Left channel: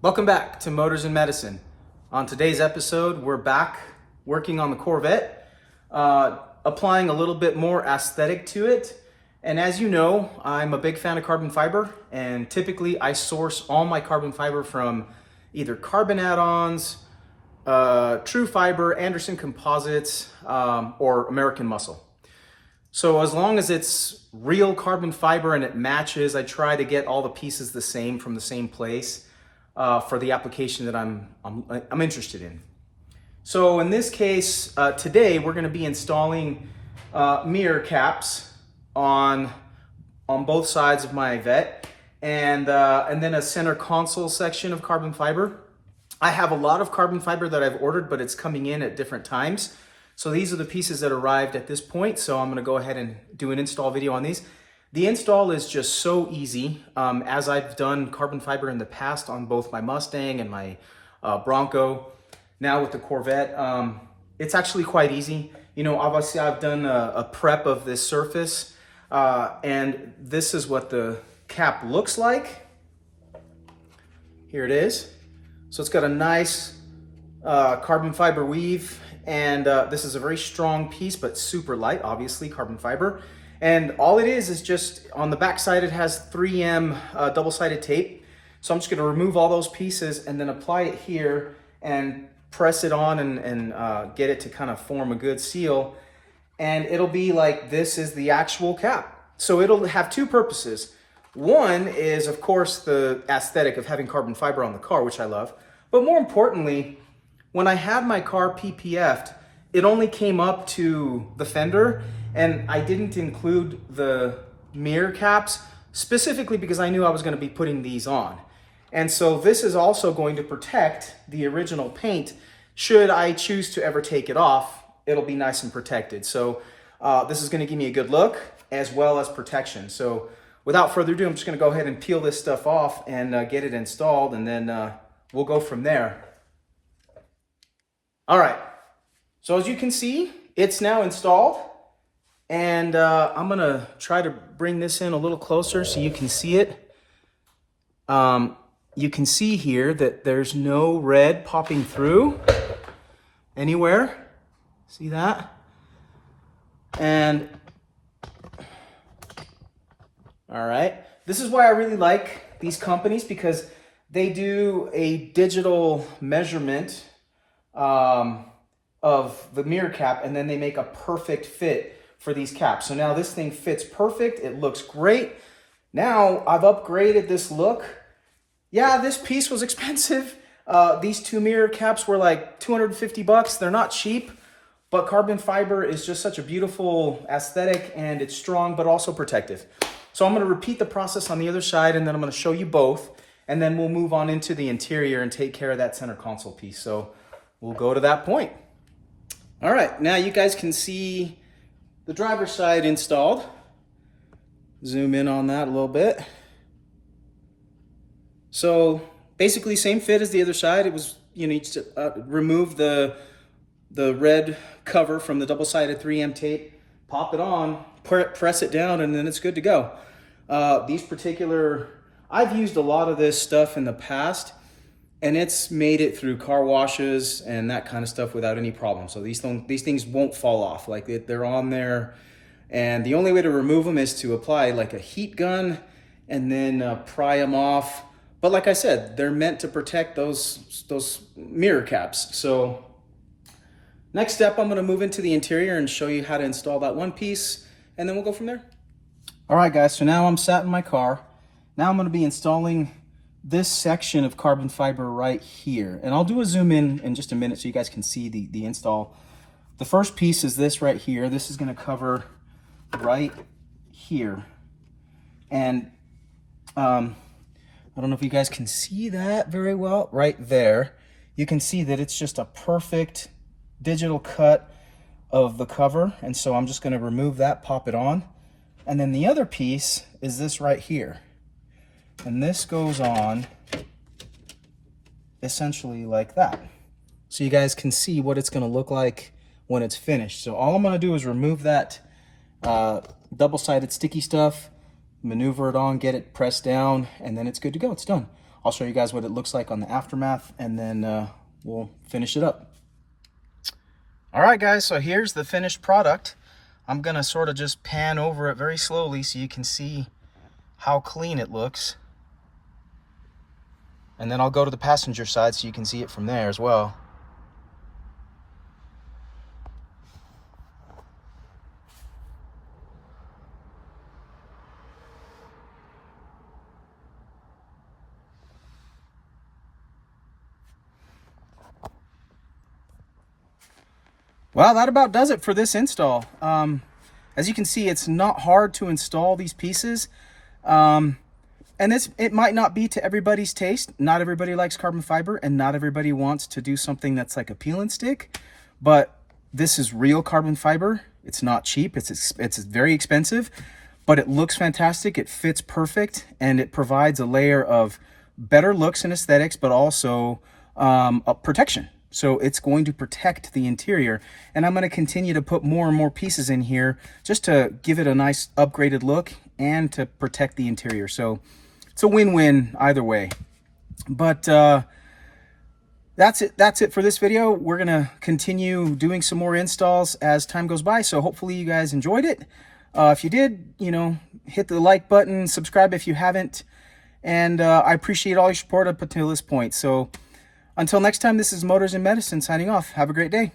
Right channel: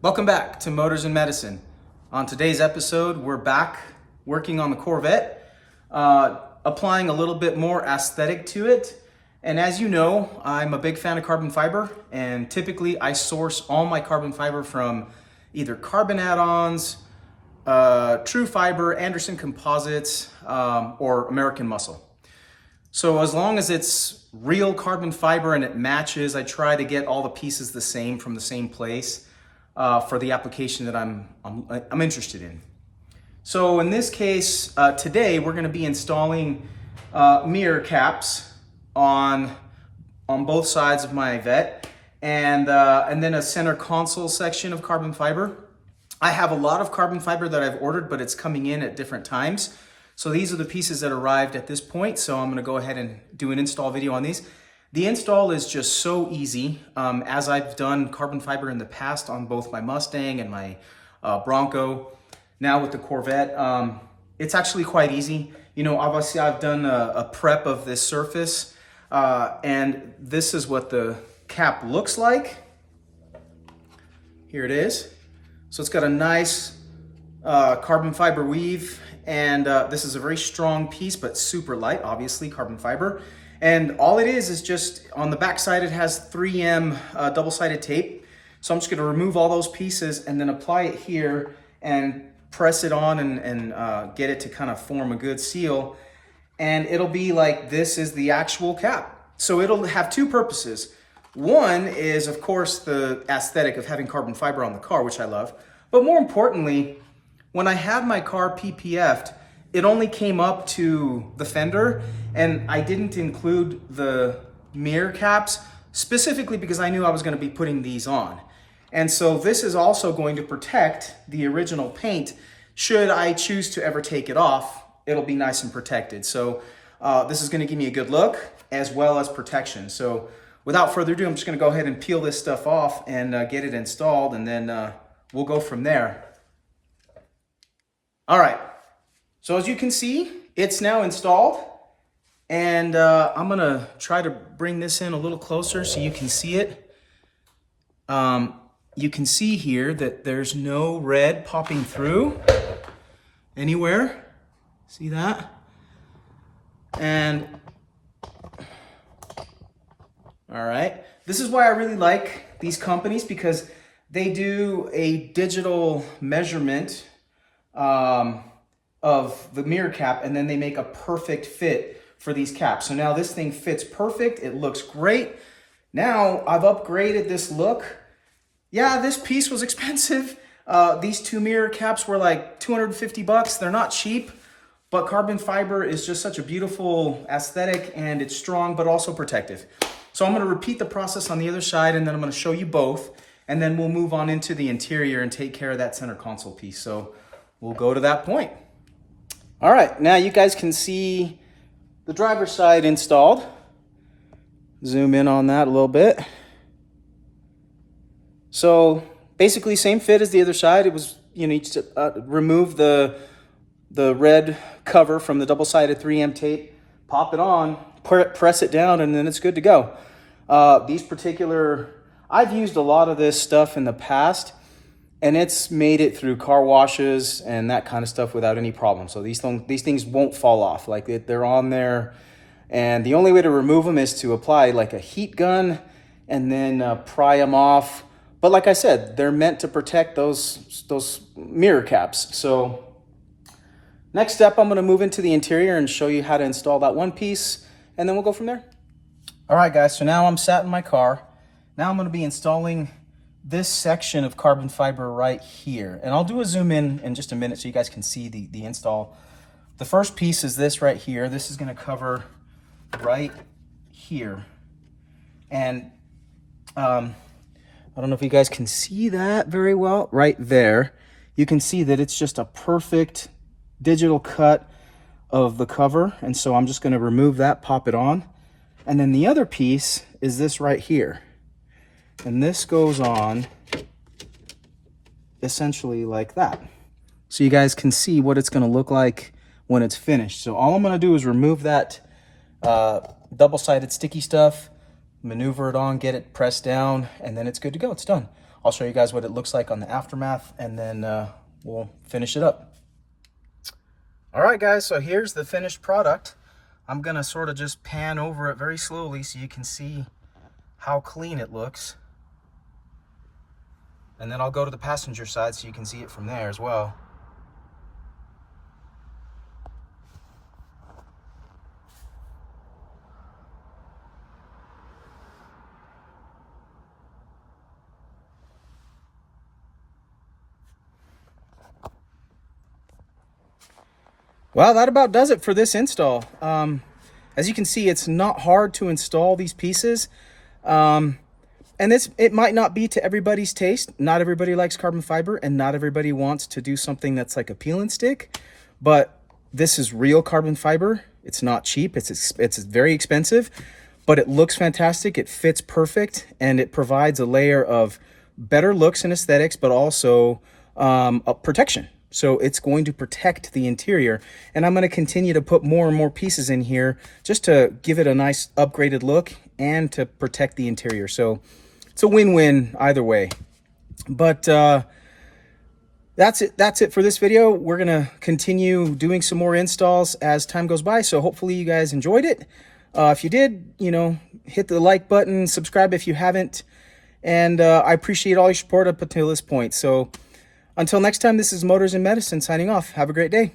Welcome back to Motors and Medicine. On today's episode, we're back working on the Corvette, applying a little bit more aesthetic to it. And as you know, I'm a big fan of carbon fiber, and typically I source all my carbon fiber from either carbon add-ons, True Fiber, Anderson Composites, or American Muscle. So as long as it's real carbon fiber and it matches, I try to get all the pieces the same from the same place. For the application that I'm interested in. So in this case, today we're going to be installing mirror caps on both sides of my Vette, and then a center console section of carbon fiber. I have a lot of carbon fiber that I've ordered, but it's coming in at different times. So these are the pieces that arrived at this point. So I'm going to go ahead and do an install video on these. The install is just so easy, as I've done carbon fiber in the past on both my Mustang and my Bronco. Now with the Corvette, it's actually quite easy. You know, obviously I've done a prep of this surface, and this is what the cap looks like. Here it is. So it's got a nice carbon fiber weave, and this is a very strong piece, but super light, obviously, carbon fiber. And all it is just on the back side, it has 3M double-sided tape. So I'm just gonna remove all those pieces and then apply it here and press it on and get it to kind of form a good seal. And it'll be like this is the actual cap. So it'll have two purposes. One is, of course, the aesthetic of having carbon fiber on the car, which I love. But more importantly, when I had my car PPF'd, it only came up to the fender, and I didn't include the mirror caps specifically because I knew I was going to be putting these on. And so this is also going to protect the original paint. Should I choose to ever take it off, it'll be nice and protected. So this is going to give me a good look as well as protection. So without further ado, I'm just going to go ahead and peel this stuff off and get it installed, and then we'll go from there. All right. So as you can see, it's now installed, and I'm gonna try to bring this in a little closer so you can see it. You can see here that there's no red popping through anywhere. See that? And all right, this is why I really like these companies, because they do a digital measurement of the mirror cap, and then they make a perfect fit for these caps. So now this thing fits perfect. It looks great. Now I've upgraded this look. Yeah, this piece was expensive. These two mirror caps were like 250 bucks. They're not cheap, but carbon fiber is just such a beautiful aesthetic, and it's strong, but also protective. So I'm going to repeat the process on the other side, and then I'm going to show you both, and then we'll move on into the interior and take care of that center console piece. So we'll go to that point. All right, now you guys can see the driver's side installed. Zoom in on that a little bit. So basically same fit as the other side. It was, you need to remove the red cover from the double-sided 3M tape, pop it on, press it down, and then it's good to go. I've used a lot of this stuff in the past, and it's made it through car washes and that kind of stuff without any problem. So these things won't fall off. Like they're on there, and the only way to remove them is to apply like a heat gun and then pry them off. But like I said, they're meant to protect those mirror caps. So next step, I'm going to move into the interior and show you how to install that one piece, and then we'll go from there. All right, guys. So now I'm sat in my car. Now I'm going to be installing this section of carbon fiber right here, and I'll do a zoom in just a minute so you guys can see the install. The first piece is this right here. This is going to cover right here, and I don't know if you guys can see that very well. Right there, you can see that it's just a perfect digital cut of the cover, and so I'm just going to remove that, pop it on, and then the other piece is this right here. And this goes on essentially like that. So you guys can see what it's going to look like when it's finished. So all I'm going to do is remove that double-sided sticky stuff, maneuver it on, get it pressed down, and then it's good to go. It's done. I'll show you guys what it looks like on the aftermath, and then we'll finish it up. All right, guys, so here's the finished product. I'm gonna sort of just pan over it very slowly so you can see how clean it looks. And then I'll go to the passenger side so you can see it from there as well. Well, that about does it for this install. As you can see, it's not hard to install these pieces. And it might not be to everybody's taste. Not everybody likes carbon fiber, and not everybody wants to do something that's like a peel and stick. But this is real carbon fiber. It's not cheap. It's very expensive, but it looks fantastic. It fits perfect, and it provides a layer of better looks and aesthetics, but also a protection. So it's going to protect the interior, and I'm going to continue to put more and more pieces in here just to give it a nice upgraded look and to protect the interior. So it's a win-win either way. But that's it for this video. We're going to continue doing some more installs as time goes by, so hopefully you guys enjoyed it. If you did, hit the like button, subscribe if you haven't, and I appreciate all your support up until this point. So until next time, this is Motors and Medicine signing off. Have a great day.